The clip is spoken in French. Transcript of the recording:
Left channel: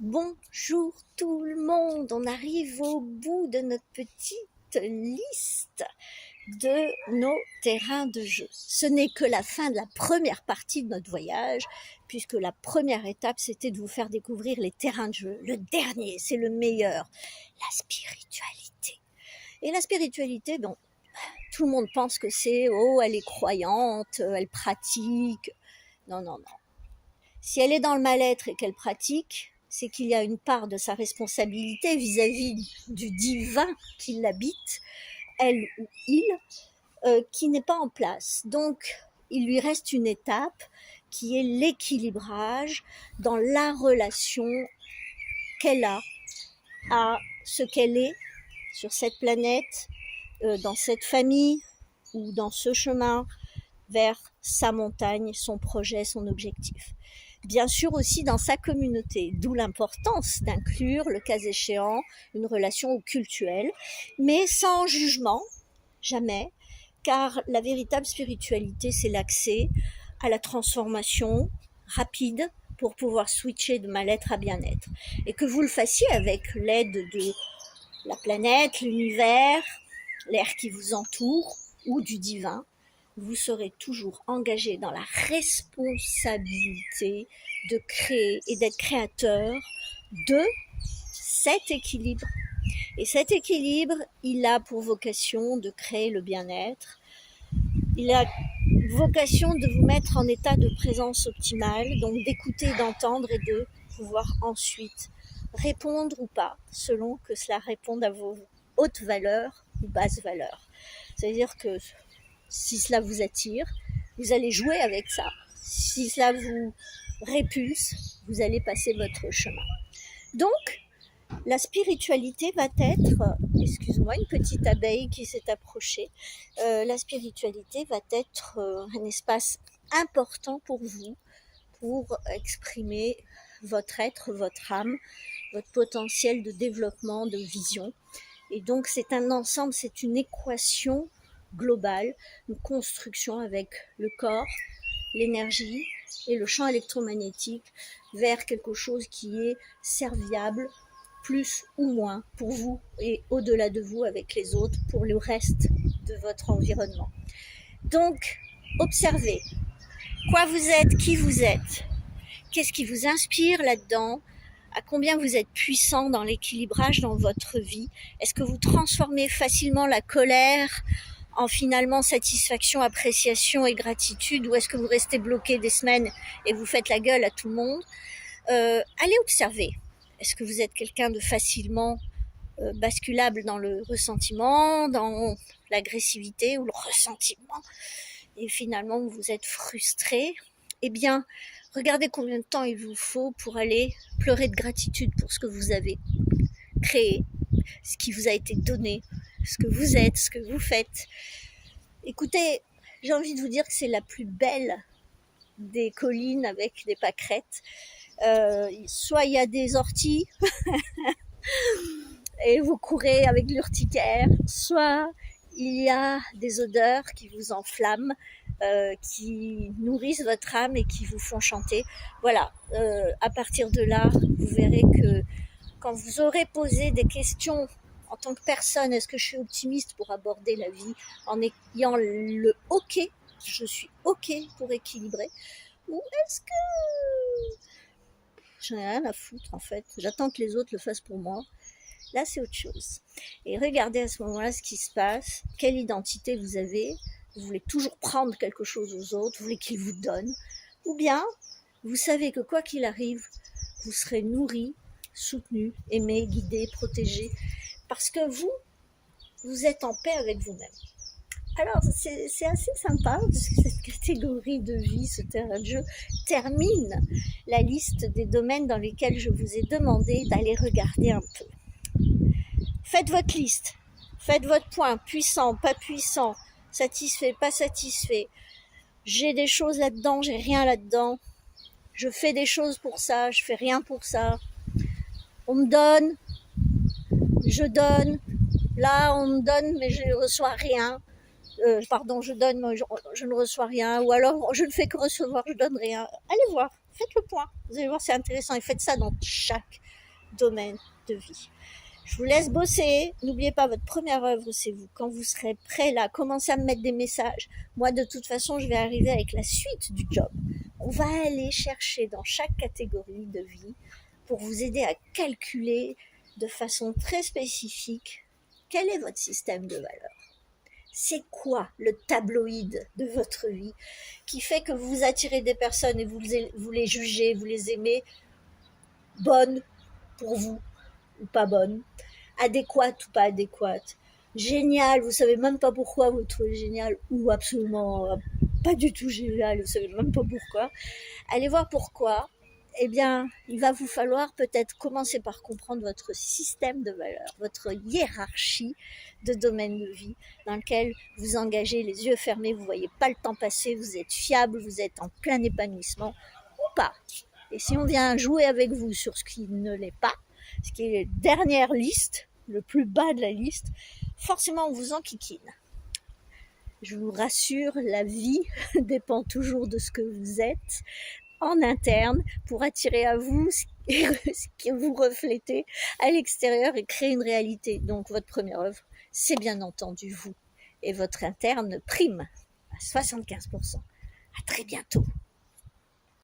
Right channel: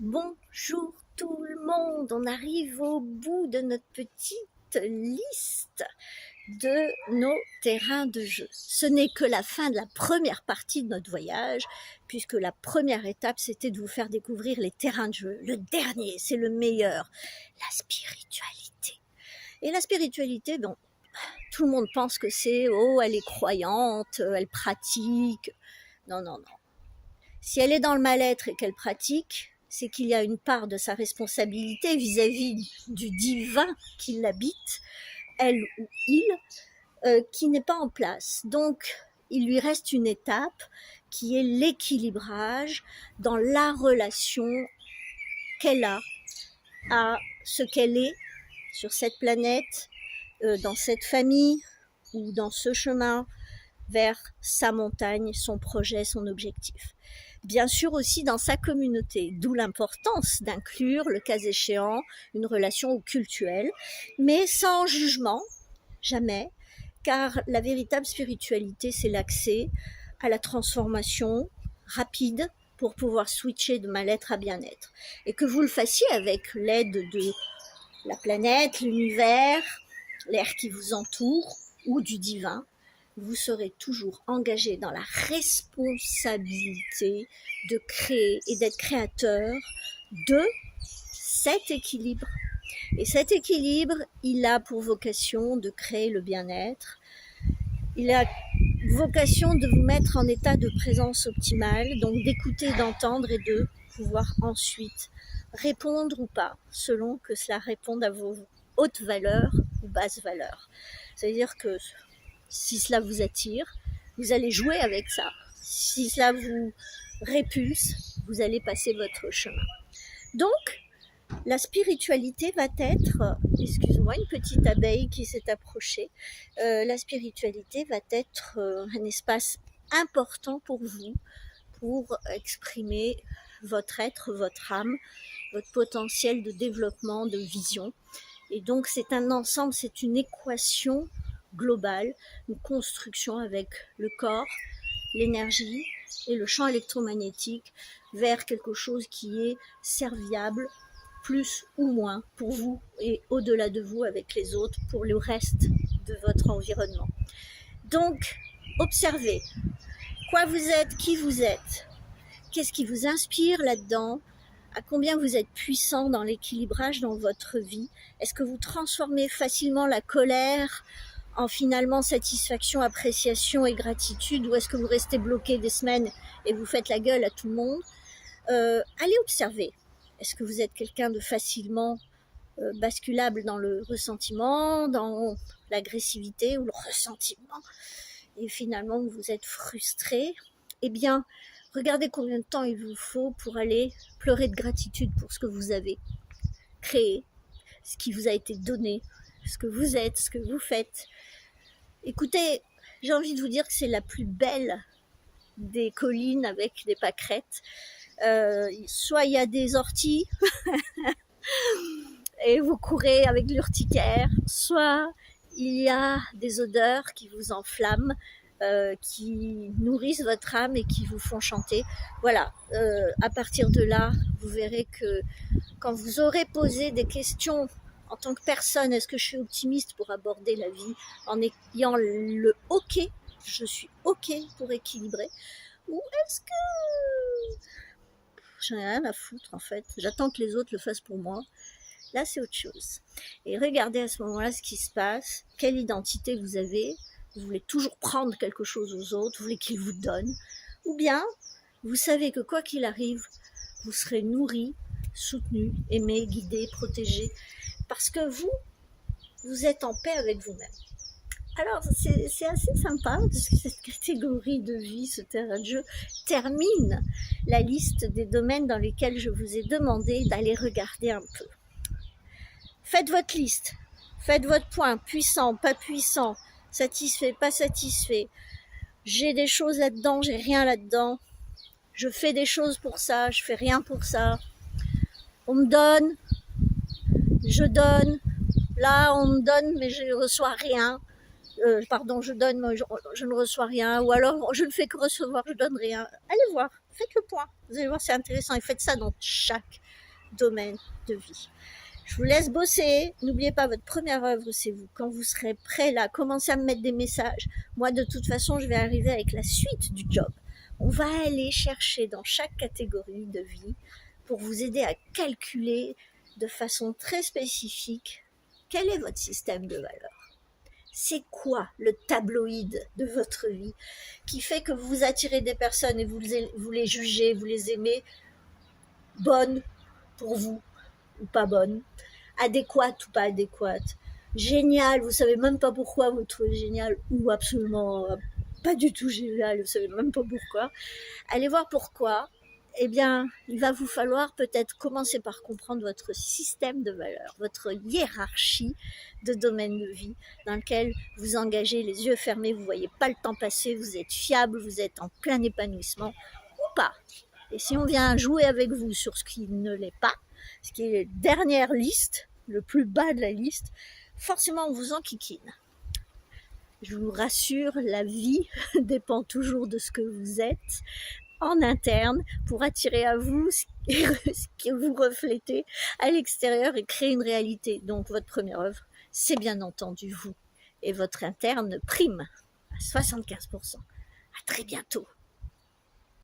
Bonjour tout le monde, on arrive au bout de notre petite liste de nos terrains de jeu. Ce n'est que la fin de la première partie de notre voyage, puisque la première étape, c'était de vous faire découvrir les terrains de jeu. Le dernier, c'est le meilleur, la spiritualité. Et la spiritualité, bon, tout le monde pense que c'est, oh, elle est croyante, elle pratique. Non, non, non. Si elle est dans le mal-être et qu'elle pratique, c'est qu'il y a une part de sa responsabilité vis-à-vis du divin qui l'habite, elle ou il, qui n'est pas en place. Donc, il lui reste une étape qui est l'équilibrage dans la relation qu'elle a à ce qu'elle est sur cette planète, dans cette famille ou dans ce chemin vers sa montagne, son projet, son objectif. Bien sûr aussi dans sa communauté, d'où l'importance d'inclure, le cas échéant, une relation cultuelle, mais sans jugement, jamais, car la véritable spiritualité, c'est l'accès à la transformation rapide pour pouvoir switcher de mal-être à bien-être. Et que vous le fassiez avec l'aide de la planète, l'univers, l'air qui vous entoure ou du divin, vous serez toujours engagé dans la responsabilité de créer et d'être créateur de cet équilibre. Et cet équilibre, il a pour vocation de créer le bien-être. Il a vocation de vous mettre en état de présence optimale, donc d'écouter, d'entendre et de pouvoir ensuite répondre ou pas, selon que cela réponde à vos hautes valeurs ou basses valeurs. C'est-à-dire que si cela vous attire, vous allez jouer avec ça. Si cela vous répulse, vous allez passer votre chemin. Donc, la spiritualité va être, excuse-moi, une petite abeille qui s'est approchée, la spiritualité va être un espace important pour vous, pour exprimer votre être, votre âme, votre potentiel de développement, de vision. Et donc, c'est un ensemble, c'est une équation globale, une construction avec le corps, l'énergie et le champ électromagnétique vers quelque chose qui est serviable, plus ou moins pour vous et au-delà de vous avec les autres, pour le reste de votre environnement. Donc, observez quoi vous êtes, qui vous êtes, qu'est-ce qui vous inspire là-dedans, à combien vous êtes puissant dans l'équilibrage dans votre vie. Est-ce que vous transformez facilement la colère en finalement satisfaction, appréciation et gratitude, ou est-ce que vous restez bloqué des semaines et vous faites la gueule à tout le monde? Allez observer. Est-ce que vous êtes quelqu'un de facilement basculable dans le ressentiment, dans l'agressivité ou le ressentiment, et finalement vous êtes frustré? Eh bien, regardez combien de temps il vous faut pour aller pleurer de gratitude pour ce que vous avez créé, ce qui vous a été donné, ce que vous êtes, ce que vous faites. Écoutez, j'ai envie de vous dire que c'est la plus belle des collines avec des pâquerettes. Soit il y a des orties et vous courez avec l'urticaire, soit il y a des odeurs qui vous enflamment, qui nourrissent votre âme et qui vous font chanter. Voilà, à partir de là, vous verrez que quand vous aurez posé des questions en tant que personne, est-ce que je suis optimiste pour aborder la vie en ayant le OK, je suis OK pour équilibrer, ou est-ce que j'en ai rien à foutre en fait, j'attends que les autres le fassent pour moi? Là, c'est autre chose. Et regardez à ce moment-là ce qui se passe, quelle identité vous avez. Vous voulez toujours prendre quelque chose aux autres, vous voulez qu'ils vous donnent, ou bien vous savez que quoi qu'il arrive, vous serez nourri, soutenu, aimé, guidé, protégé, parce que vous êtes en paix avec vous-même. Alors, c'est assez sympa, parce que cette catégorie de vie, ce terrain de jeu, termine la liste des domaines dans lesquels je vous ai demandé d'aller regarder un peu. Faites votre liste, faites votre point, puissant, pas puissant, satisfait, pas satisfait. J'ai des choses là-dedans, j'ai rien là-dedans. Je fais des choses pour ça, je fais rien pour ça. On me donne, je donne. Là, on me donne, mais je ne reçois rien. Je donne, mais je ne reçois rien. Ou alors, je ne fais que recevoir, je donne rien. Allez voir, faites le point. Vous allez voir, c'est intéressant. Et faites ça dans chaque domaine de vie. Je vous laisse bosser. N'oubliez pas, votre première œuvre, c'est vous. Quand vous serez prêt là, commencez à me mettre des messages. Moi, de toute façon, je vais arriver avec la suite du job. On va aller chercher dans chaque catégorie de vie pour vous aider à calculer de façon très spécifique quel est votre système de valeurs. C'est quoi le tabloïd de votre vie qui fait que vous attirez des personnes et vous les jugez, vous les aimez bonnes pour vous ou pas bonnes, adéquate ou pas adéquate, génial, vous savez même pas pourquoi vous trouvez génial, ou absolument pas du tout génial, vous savez même pas pourquoi. Allez voir pourquoi. Eh bien, il va vous falloir peut-être commencer par comprendre votre système de valeurs, votre hiérarchie de domaines de vie dans lequel vous engagez les yeux fermés, vous voyez pas le temps passer, vous êtes fiable, vous êtes en plein épanouissement ou pas. Et si on vient jouer avec vous sur ce qui ne l'est pas, ce qui est la dernière liste, le plus bas de la liste, forcément on vous enquiquine. Je vous rassure, la vie dépend toujours de ce que vous êtes en interne pour attirer à vous ce que vous reflétez à l'extérieur et créer une réalité. Donc votre première œuvre, c'est bien entendu vous. Et votre interne prime à 75%. À très bientôt.